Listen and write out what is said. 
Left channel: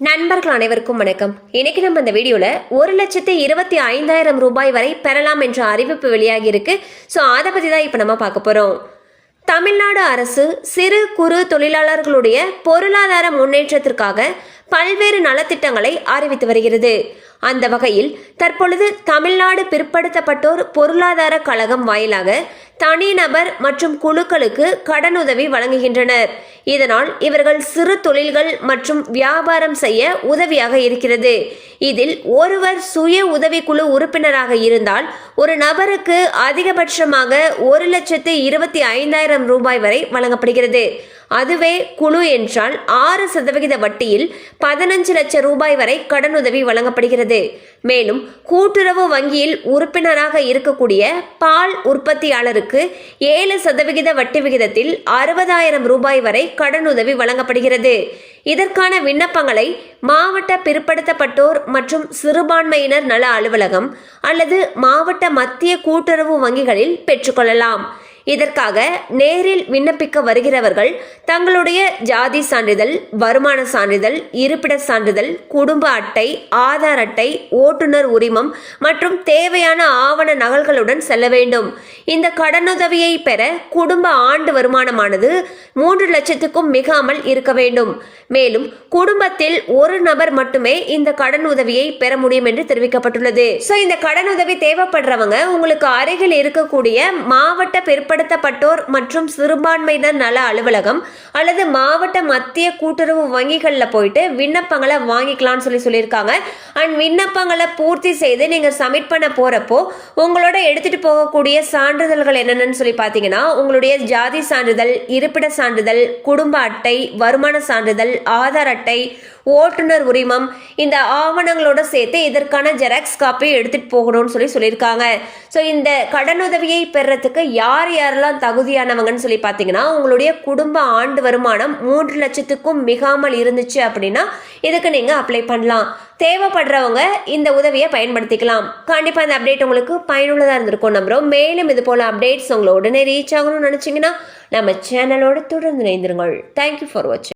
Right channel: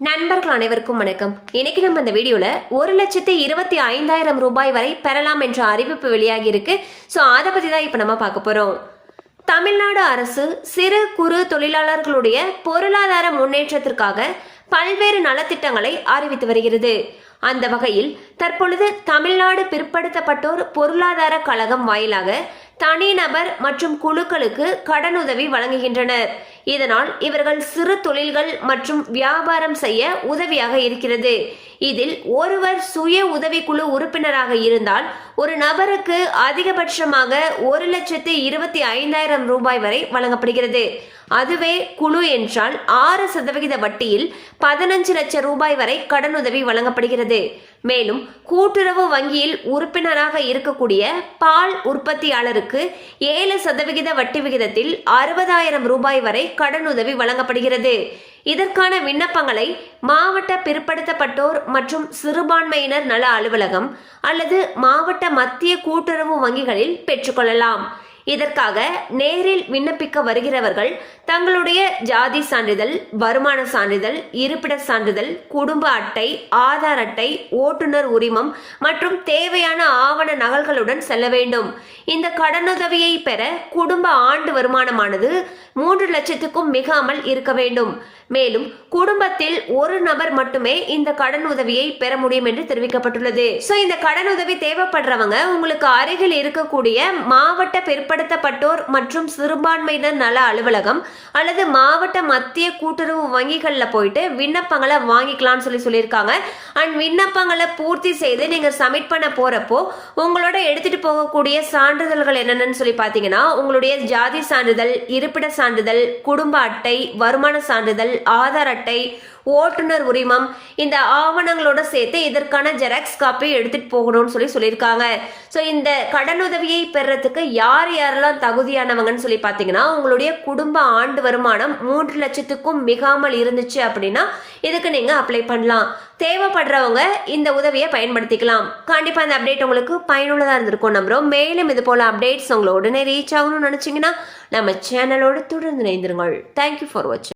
நண்பர்கள் அனைவருக்கும் வணக்கம். இன்னைக்கு நம்ம இந்த வீடியோல 1,25,000 ரூபாய் வரை பெறலாம் என்ற அறிவிப்பு வெளியாகி இருக்கு. ஸோ அதை பத்தி தான் இப்ப நம்ம பார்க்க போறோம். தமிழ்நாடு அரசு சிறு குறு தொழிலாளர்களுடைய பொருளாதார முன்னேற்றத்திற்காக பல்வேறு நலத்திட்டங்களை அறிவித்து வருகிறது. அந்த வகையில் தற்பொழுது தமிழ்நாடு பிற்படுத்தப்பட்டோர் பொருளாதார கழகம் வாயிலாக தனிநபர் மற்றும் குழுக்களுக்கு கடனுதவி வழங்குகின்றனர். இதனால் இவர்கள் சிறு தொழில்கள் மற்றும் வியாபாரம் செய்ய உதவியாக இருக்கிறது. இதில் ஒருவர் சுய உதவிக்குழு உறுப்பினராக இருந்தால் ஒரு நபருக்கு அதிகபட்சமாக 1,25,000 ரூபாய் வரை வழங்கப்படுகிறது. அதுவே குழு என்றால் 6% வட்டியில் 15 லட்சம் ரூபாய் வரை கடனுதவி வழங்கப்படுகிறது. மேலும் கூட்டுறவு வங்கியில் உறுப்பினராக இருக்கக்கூடிய பால் உற்பத்தியாளருக்கு 7% வட்டி விகிதத்தில் 60,000 ரூபாய் வரை கடனுதவி வழங்கப்படுகிறது. இதற்கான விண்ணப்பங்களை மாவட்ட பிற்படுத்தப்பட்டோர் மற்றும் சிறுபான்மையினர் நல அலுவலகம் அல்லது மாவட்ட மத்திய கூட்டுறவு வங்கிகளில் பெற்றுக்கொள்ளலாம். இதற்காக நேரில் விண்ணப்பிக்க வருகிறவர்கள் தங்களுடைய ஜாதி சான்றிதழ், வருமான சான்றிதழ், இருப்பிட சான்றிதழ், குடும்ப அட்டை, ஆதார் அட்டை, ஓட்டுநர் உரிமம் மற்றும் தேவையான ஆவண நகல்களுடன் செல்ல வேண்டும். இந்த கடனுதவியை பெற குடும்ப ஆண்டு வருமானமானது 3 லட்சத்துக்கும் மிகாமல் இருக்க வேண்டும். மேலும் குடும்பத்தில் ஒரு நபர் மட்டுமே இந்த கடன் உதவியை பெற முடியும் என்று தெரிவிக்கப்பட்டுள்ளது. சோ இந்த கடன் உதவி தேவைப்படுறவங்க உங்களுக்கு அருகில் இருக்கக்கூடிய மாவட்ட பிற்படுத்தப்பட்டோர் மற்றும் சிறுபான்மையினர் நல அலுவலகம் அல்லது மாவட்ட மத்திய கூட்டுறவு வங்கிகளில் போயிட்டு விண்ணப்பங்களை வாங்கிக்கலாம்னு சொல்லியிருக்காங்க. அண்ட் விண்ணப்பங்களை பூர்த்தி செய்து நீங்க சப்மிட் பண்ண போறப்போ உங்களோட எடுத்துட்டு போகக்கூடிய சான்றிதழ்கள் என்னென்னு சொல்லி பார்த்தீங்கன்னா உங்களுடைய ஜாதி சான்றிதழ், இருப்பிட சான்றிதழ், குடும்ப அட்டை, வருமான சான்றிதழ், ஆதார் அட்டை, ஓட்டுநர் உரிமம், இந்த ஆவணங்களோட சேர்த்து இதற்கான ஜெராக்ஸ் காப்பி எடுத்துட்டு போகணும்னு சொல்லியிருக்காங்க. ஸோ இந்த கடனுதவியை பெறறதுக்கு யார் யாரெல்லாம் தகுதியானவங்கன்னு சொல்லி பார்த்தீங்கன்னா உங்களுடைய குடும்ப ஆண்டு வருமானம் 3 லட்சத்துக்கும் மிகாமல் இருந்துச்சு அப்படின்னா இதுக்கு நீங்க அப்ளை பண்ணலாம். தேவைப்படுறவங்க இந்த உதவியை பயன்படுத்திக்கலாம். கண்டிப்பா இந்த அப்டேட் உங்களுக்கு பயனுள்ளதாக இருந்திருக்கும் நம்புறோம். மேலும் இது போல அப்டேட்ஸ் உங்களை உடனே ரீச் ஆகணும்னு நினைச்சீங்கன்னா நம்ம சேனலோட தொடர்ந்து இணைந்திருங்கள். தேங்க்யூ ஃபார் வாட்சிங்.